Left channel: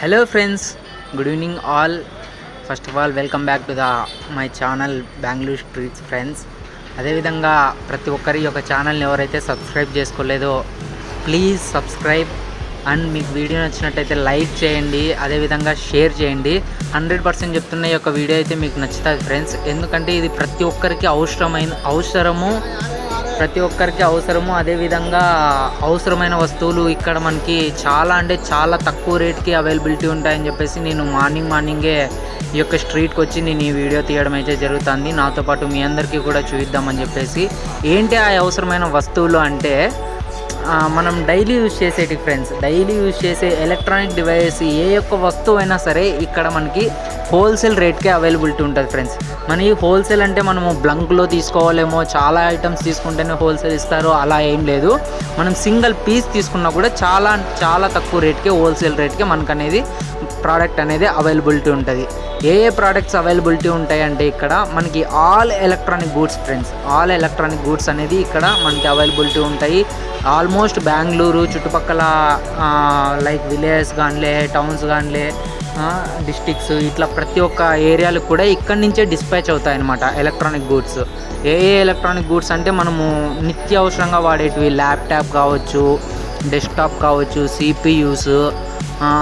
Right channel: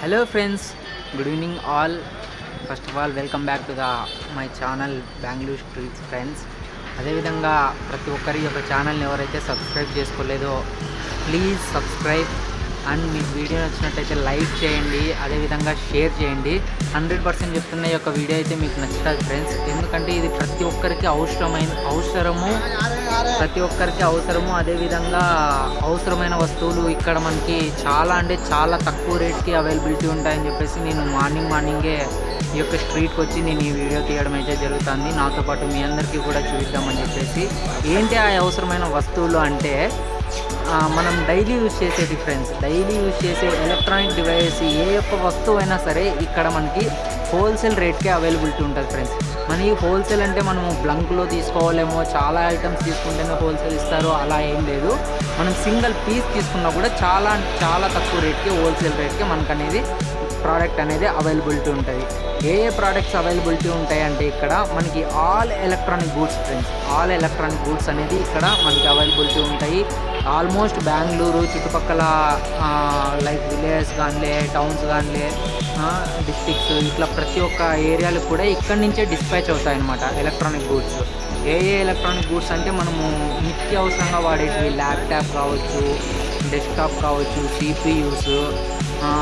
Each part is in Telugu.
Hello friends, good evening all. First of all, welcome back to my channel Bangalore Streets Friends. అదేవిధంగా ప్రతి ఒక్కరి యొక్క ఛానల్ని ఎవరైతే సబ్స్క్రైబ్ చేసుకోలేదో ప్లీజ్ సబ్స్క్రైబ్ అండ్ మీకు వీడియో నచ్చినట్టయితే లైక్ చేయండి, అదేవిధంగా షేర్ చేయండి. 100% చెప్తున్న ఈ యొక్క వీడియో అయితే మీకు నచ్చుతుంది ఫ్రెండ్స్. ఎందుకంటే ఇది ప్రతి ఒక్కరికి అవసరము. అదేవిధంగా అవసరమైన వస్తువులు ఇక్కడ మనకి చాలా అంటే చాలా తక్కువ రేట్కి అవైలబిలిటీ ఉంటాయని చెప్పేసి నేను మార్నింగే ఈ యొక్క స్ట్రీట్కి వచ్చి నేను ఈ వీడియో తీయడం అయితే జరుగుతుంది. నాతో పాటు మీ అందరికీ కూడా చూద్దామని చెప్పేసి. ఏంటి ఆ అవసరమైన వస్తువులు అంటే మనం డైలీ యూజ్ చేసేటి ఫ్రెండ్స్, డైలీ యూజ్ చేసే ఎలక్ట్రానిక్ డివైస్ ఏ యొక్క వస్తువు అయినా సరే ఇక్కడ మనకి హోల్సేల్ రేట్కే అవైలబిలిటీ ఉంటుంది ఫ్రెండ్స్. మనకి హోల్సేల్ అంటే మనము బ్లంక్లో తీసుకోవాలేమో, చాలా ఐటమ్స్ తీసుకుంటేనే హోల్సేల్ ఇస్తారు, అలా ఏం లేదు. మనం సింగిల్ పీస్ తీసుకున్నా కూడా చాలా చాలా తక్కువ రేట్కే, హోల్సేల్ రేట్కే మనకు అనేది ప్రోడక్ట్ అనేది అవైలబిలిటీ ఉంటుంది. ఏ ప్రోడక్ట్స్ అవైలబిలిటీ ఉంటాయంటే ఇక్కడ మనకి all electronic goods friends, all electronic goods అనేది ఇక్కడ మనకి అవైలబిలిటీ ఉంటాయి. ఆల్మోస్ట్ బెంగళూరు చుట్టుపక్కల లైక్ విలేజెస్ కానీ, టౌన్స్ కానీ, డిస్ట్రిక్ట్స్, ఇట్లా ప్రతి ఒక్క ఏరియాలకు కూడా ఇక్కడి నుంచే డిస్పాచ్ అవుతాయి అన్నమాట ఎలక్ట్రానిక్ గూడ్స్. ఏ ఎలక్ట్రానిక్ గూడ్స్ అంటే మనము నిత్యావసరంగా వాడేటివి ల్యాప్టాప్ కావచ్చు, డెస్క్టాప్ కావచ్చు, సిపియూస్,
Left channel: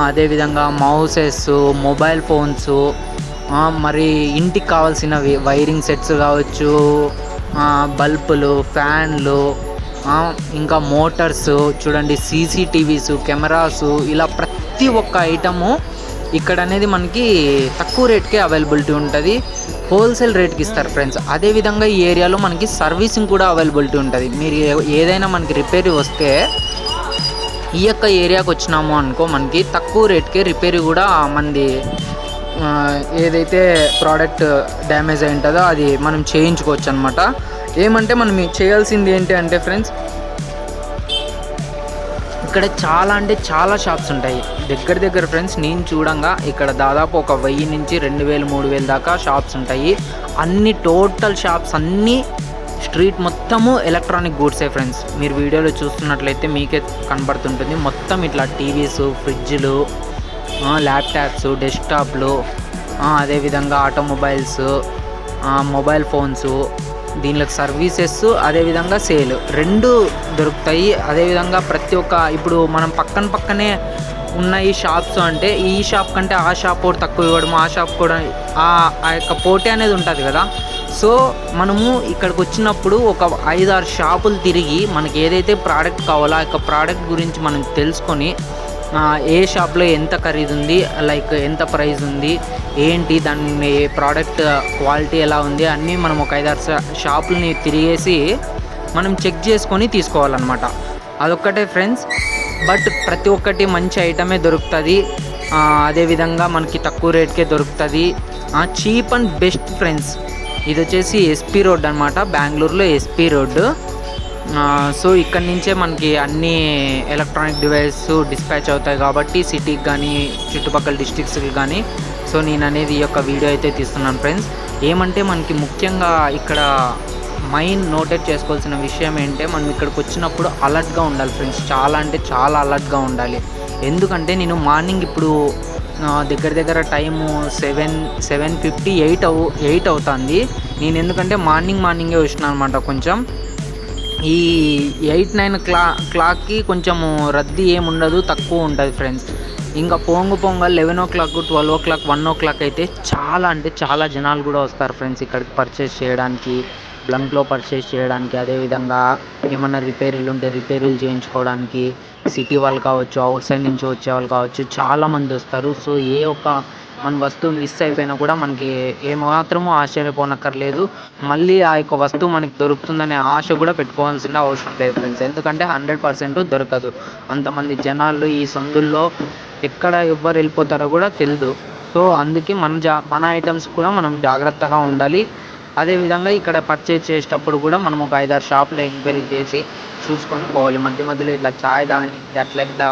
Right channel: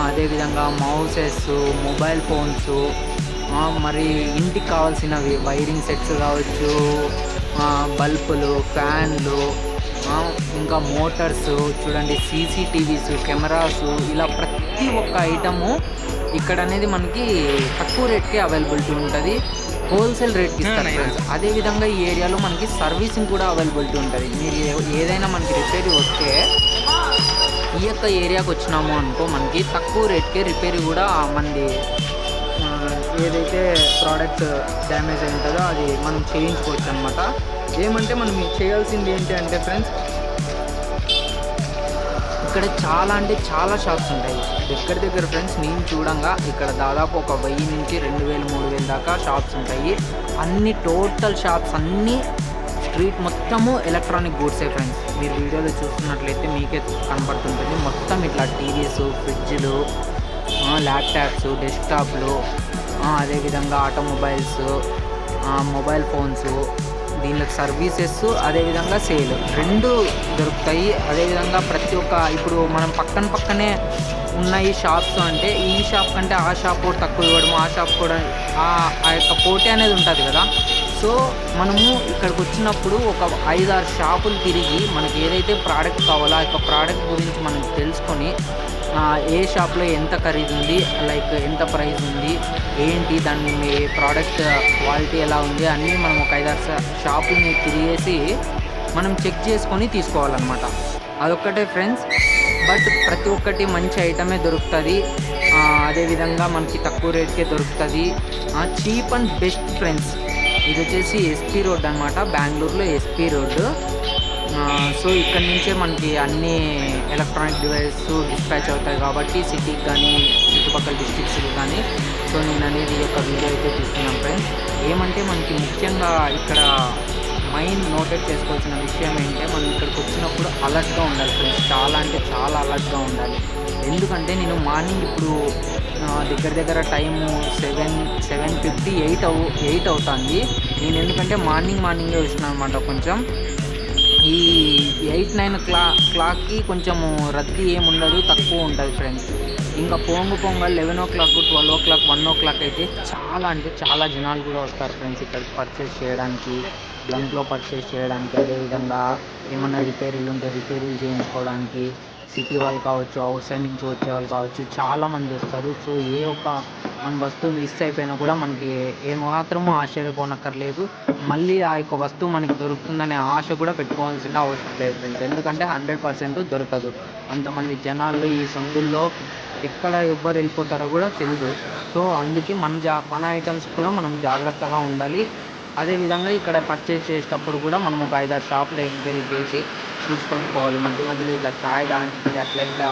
అదేవిధంగా మౌసెస్, మొబైల్ ఫోన్స్, మరి ఇంటికి కావాల్సిన వైరింగ్ సెట్స్ కావచ్చు, బల్బులు, ఫ్యాన్లు, ఇంకా మోటార్స్ చూడండి, సీసీటీవీస్, కెమెరాసు, ఇలా ప్రతి ఒక్క ఐటము ఇక్కడ అనేది మనకి తక్కువ రేట్కే అవైలబిలిటీ ఉంటుంది, హోల్సేల్ రేట్కి ఇస్తారు ఫ్రెండ్స్. అదేవిధంగా ఈ ఏరియాలో మనకి సర్వీసింగ్ కూడా అవైలబిలిటీ ఉంటుంది. మీరు ఏదైనా మనకి రిపేర్ వస్తే ఈ యొక్క ఏరియాకి వచ్చినాము అనుకో, మనకి తక్కువ రేట్కే రిపేర్ కూడా మనది ఏదైతే ప్రోడక్ట్ డ్యామేజ్ అయి ఉంటుందో అది మనం చేయించుకోవచ్చు అనమాట. ఏమంటే మనం చేయాల్సింది ఏంటి అంటే ఫ్రెండ్స్, ఇక్కడ చాలా అంటే చాలా షాప్స్ ఉంటాయి దగ్గర ఫ్రెండ్స్. నేను చూడంగా ఇక్కడ దాదాపు ఒక 1000 నుంచి 2000, 3000 దాకా షాప్స్ ఉంటాయి. అన్ని టోటల్ షాప్స్ అన్నీ స్ట్రీట్ మొత్తము ఎలక్ట్రానిక్ గూడ్సే ఫ్రెండ్స్. మీరు వీడియోలో చూస్తున్నట్లయితే మీకే కనబడుతుంటుంది. మొత్తం ఇట్లా టీవీస్, ఫ్రిడ్జ్లు, ల్యాప్టాప్స్, డెస్క్టాప్లు, అదేవిధంగా ఆటోమొబైల్స్, మొబైల్ ఫోన్స్, దీనిలో సర్వీసెస్, అదేవిధంగా సేల్ రెండు దొరుకుతాయి. అదేవిధంగా ప్రతి ఒక్క ఇప్పుడు మనం పక్కనే ఉన్న ఈ షాప్స్ అంటే ఈ షాప్ కంటే ఆ షాప్ కూడా తక్కువ ఇవ్వడం, ఆ షాప్ కూడా ఆ యొక్క పోటీ అనేది ఉంటుంది కదా. సో మనము ఇక్కడికి వచ్చినప్పుడు ఒక 5-6 షాపులు తిరిగి మనకి ఏదైతే ప్రోడక్ట్ కావాలో ఆ యొక్క ప్రోడక్ట్ గురించి మనం తెలుసుకొని, ఏ షాప్లో ఎంత ఖరీదు ఉంది, లైక్ ఎంత ప్రైస్ ఉంది, ఏంటి దాని ప్రోడక్ట్ క్వాలిటీ ఎలా ఉంది అన్నీ మనం ఒక 5-6 షాపులని తిరిగేసి మనం చెక్ చేసుకొని తీసుకోవాలన్నమాట. అదొక్కటే ఫ్రెండ్స్. బట్ ప్రతి ఒక్కటి మంచి ఐటమే దొరుకుతుంది, అదేవిధంగా మనకి తక్కువ రేట్కే దొరుకుతుంది, చీప్ అండ్ బెస్ట్ ఫ్రెండ్స్. ఇది వచ్చేసి ఎస్పీ రోడ్ అనమాట, బెంగళూరులో ఎస్పీ రోడ్డు. సో ఇక్కడి నుంచే మనకి అన్ని ఎలక్ట్రానిక్ డివైస్ డిస్పాచ్ అవుతాయి కాబట్టి సిటీకి కానీ చుట్టుపక్కల డిస్ట్రిక్ట్స్కి కానీ. సో నేను అనేది ఈ యొక్క వీడియో అయితే తీస్తున్నాను ఫ్రెండ్స్. ఏమంటే మనకి ముఖ్యంగా ఇక్కడ నోటెడ్ చేసుకోవాల్సిన విషయం ఏంటంటే, మనం ఇక్కడికి వచ్చినప్పుడు అలర్ట్గా ఉండాలి ఫ్రెండ్స్. చాలా అంటే చాలా అలర్ట్గా ఉండాలి. ఎందుకంటే నేను మార్నింగ్ ఇప్పుడు దగ్గర టైము 7:58 అవుతుంది. నేను ఎందుకంటే మార్నింగే వచ్చినాను అనమాట. కొంచెం ఈ 8-9 క్లాక్కి కొంచెము రద్దీ ఏముండదు, తక్కువ ఉంటుంది ఫ్రెండ్స్. ఇంకా పొంగ 11 o'clock, 12 o'clock, 1 o'clock అయితే చాలా అంటే చాలా జనాలు కూడా వస్తారు ఫ్రెండ్స్ ఇక్కడికి పర్చేస్ చేయడానికి, బ్లంక్లో పర్చేస్ చేయడానికి, అదేవిధంగా ఏమన్నా రిపేరీలు ఉంటే రిపేరీలు చేయించుకోవడానికి, సిటీ వాళ్ళు కావచ్చు, అవుట్ సైడ్ నుంచి వచ్చే వాళ్ళు కావచ్చు, చాలామంది వస్తారు. సో ఏ ఒక్క మన వస్తువు మిస్ అయిపోయినా కూడా మనకి ఏమాత్రము ఆశ్చర్యపోనక్కర్లేదు. మళ్ళీ ఆ యొక్క వస్తువు మనకి దొరుకుతుందనే ఆశ కూడా పెట్టుకోవాల్సిన అవసరం లేదు ఫ్రెండ్స్. ఎందుకంటే 100% దొరకదు. అంతమంది జనాలు ఈ సందుల్లో ఎక్కడ ఎవ్వరు వెళ్ళిపోతారో కూడా తెలియదు. సో అందుకే మన ఐటమ్స్ కూడా మనం జాగ్రత్తగా ఉండాలి. అదేవిధంగా ఇక్కడ పర్చేస్ చేసేటప్పుడు కూడా మనం ఒక 5-6 షాపులు ఎంక్వైరీ చేసి చూసుకొని పోవాలి. మధ్యలో ఇట్లా చాయ్ దానికి అట్లా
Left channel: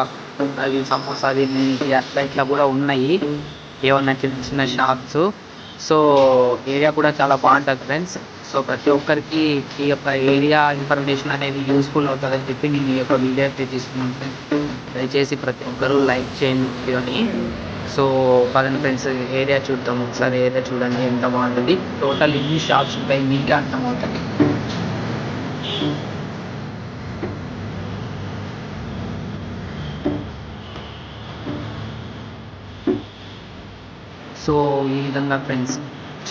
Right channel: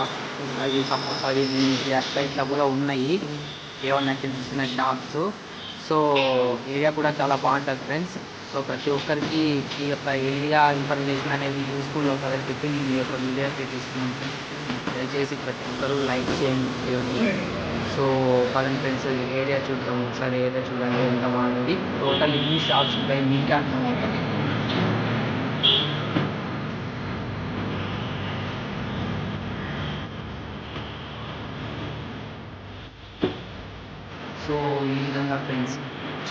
అది సమోసా దీనికి అట్లా కూడా ఉన్నాయి ఏమన్నా చిన్న షాప్స్. సో ఏరియా కూడా చాలా బాగుంటుంది ఫ్రెండ్స్. సో ప్రతి ఒక్కరికి ఈ యొక్క ఏరియా ఇన్ఫర్మేషన్ అనేది యూస్ఫుల్ అవుతుందని చెప్పి నేను ఈ యొక్క వీడియో అయితే తీసుకున్నాను ఫ్రెండ్స్. దయచేసి ప్రతి ఒక్కరూ లైక్ చేయండి వీడియోని. సో పదండి ఫ్రెండ్స్, ఏరియా చూద్దాం ఒకసారి. ఏరియా చూడండి ఎంత బాగుంటుంది. టోటల్ ఎన్ని షాప్స్ ఉంటాయి మీకే అర్థమవుతుంది. సో ఈ విధంగా ఫ్రెండ్స్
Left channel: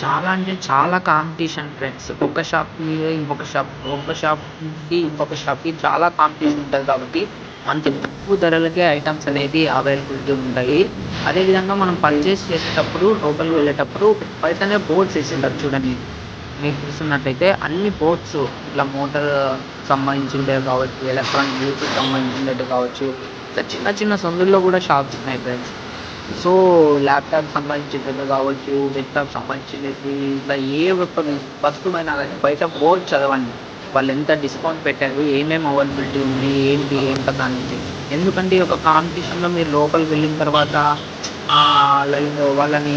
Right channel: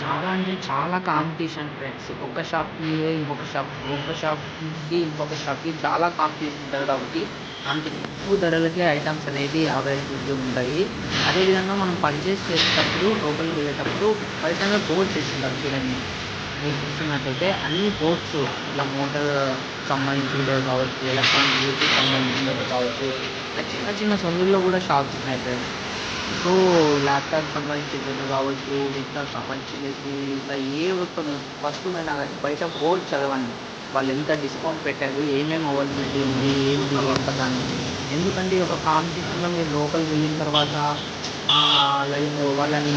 చాలా అంటే చాలా కాంపిటీషన్ ఫ్రెండ్స్. ఒక షాప్‌కి ఇంకొక షాప్, ఒక షాప్‌కి ఇంకొక షాప్‌కి చాలా కాంపిటీషన్ ఉంటది కాబట్టి అంత తక్కువ ధరలకే ఐటెమ్స్ అనేది అవైలబిలిటీ ఉంటాయి. అదేవిధంగా మనం పర్చేస్ చేసేటప్పుడు లోపలికి వెళ్ళేటప్పుడు బయటనే బోర్డ్స్ ఏసింటారు చూడండి. మీకు చూస్తున్నట్టయితే అన్ని బోర్డ్స్ ఇట్లా మోటార్ సంబంధించినవి కావచ్చు, ఎలక్ట్రానిక్ బ్లూటూత్ సంబంధించినవి కావచ్చు, ఇట్లా చిన్న చిన్న సందుల్లో కూడా షాప్స్ ఉన్నాయి ఫ్రెండ్స్. సో ల్యాప్‌టాప్ సంబంధించినది కావచ్చు, డెస్క్‌టాప్ సంబంధించినది, ఇట్లా ఏ ఒక్క వస్తువైనా గానీ బయట బోర్డ్ చదవండి. వాళ్ళెంత డిస్కౌంట్ పెట్టారు, ఏమేమి అవైలబిలిటీ ఉంది, ఏంటి, ఏం కథ అనేది. ఎందుకంటే ఈ యొక్క కాంపిటీషన్‌లో మీరు లోపలికి వెళ్ళిన తర్వాత లైక్ వాళ్ళని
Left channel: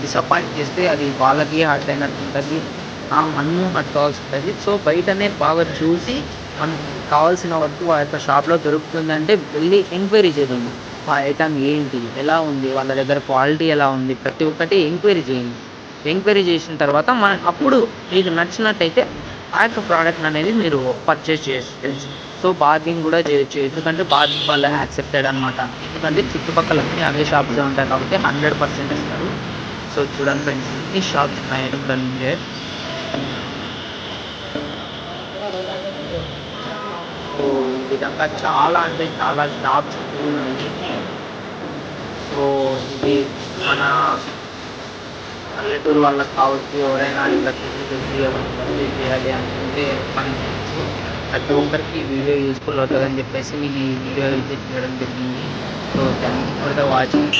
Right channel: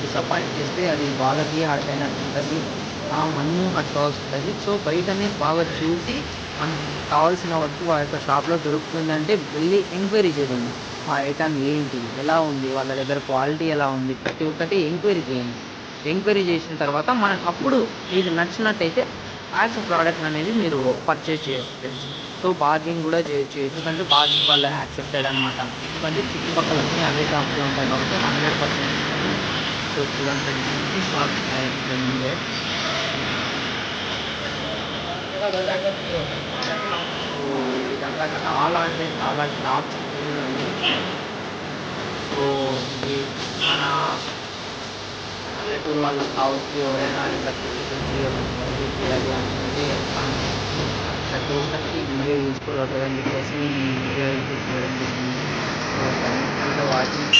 డిసప్పాయింట్ చేస్తే అది వాళ్ళకి హర్ట్ అయినట్టు ఉంటది. మనము హర్ట్ కావాల్సుంటది. సో బయటనే బాగా చూసి మనకు కావాల్సిన వస్తువు ఆ యొక్క షాప్‌లో దొరుకుతుందంటే వెళ్లి ఎంక్వైరీ చేయండి. ఆ ఐటెమ్ ఏంటి? ఎలా ఉంది? వాళ్ళ దగ్గర క్వాలిటీ ఎలా ఉంది? ప్రతి ఒక్కటి ఎంక్వైరీ చేయండి. ఎంక్వైరీ చేసిన తర్వాత అప్పుడు మీకు నచ్చినట్టయితే ఆ యొక్క ప్రోడక్ట్‌ననేది మీరు పర్చేజ్ చేయొచ్చు ఫ్రెండ్స్. సో బార్గెయిన్ కూడా చేయొచ్చు. ఎందుకంటే బార్గెయిన్ వాళ్ళు యాక్సెప్టెడ్ అనమాట. ఎందుకంటే చుట్టుపక్కల అన్నీ అవే షాప్సే ఉంటాయి కాబట్టి 100% ఇస్తారు. సో చూడండి ఫ్రెండ్స్, ఎన్ని షాప్స్ ఉన్నాయి ఇక్కడనుండే. సో ఈ విధంగా చాలా అంటే చాలా షాప్స్ ఉన్నాయి. సో ఇది మన పల్లెటూరు వాళ్ళకి కావచ్చు, ఎవరైనా ఇట్లా చూసి ఏమైనా పర్చేజ్ చేయాలి అనుకుంటే మనం చేయొచ్చు. ప్రతి ఒక్కరికి ఈ వీడియో యూజ్‌ఫుల్ అవుతదని చెప్పేసి నేను ఈ వీడియో అయితే చేయడం జరిగింది. So thanks for the watching.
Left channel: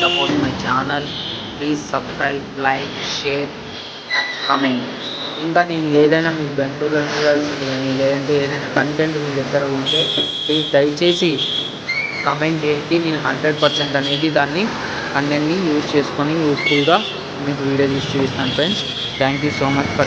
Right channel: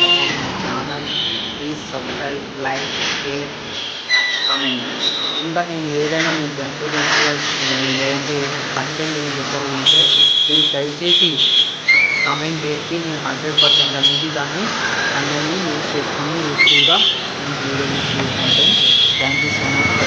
Support my channel. Please subscribe, like, share, comment. ఇంకా నేను ఏదైనా మీకు బెనిఫిషియల్‌గా లేదంటే ఏదైనా కంటెంట్ మీ దగ్గర ఉంటే ప్లీజ్ దయచేసి కామెంట్ చేయండి. నేను 100% అనేది దాన్ని కంటెంట్‌ని యూజ్ చేసుకొని యూజ్‌ఫుల్‌గా మీకు వీడియో తీసి చూపిస్తాను friends. Thank you so much for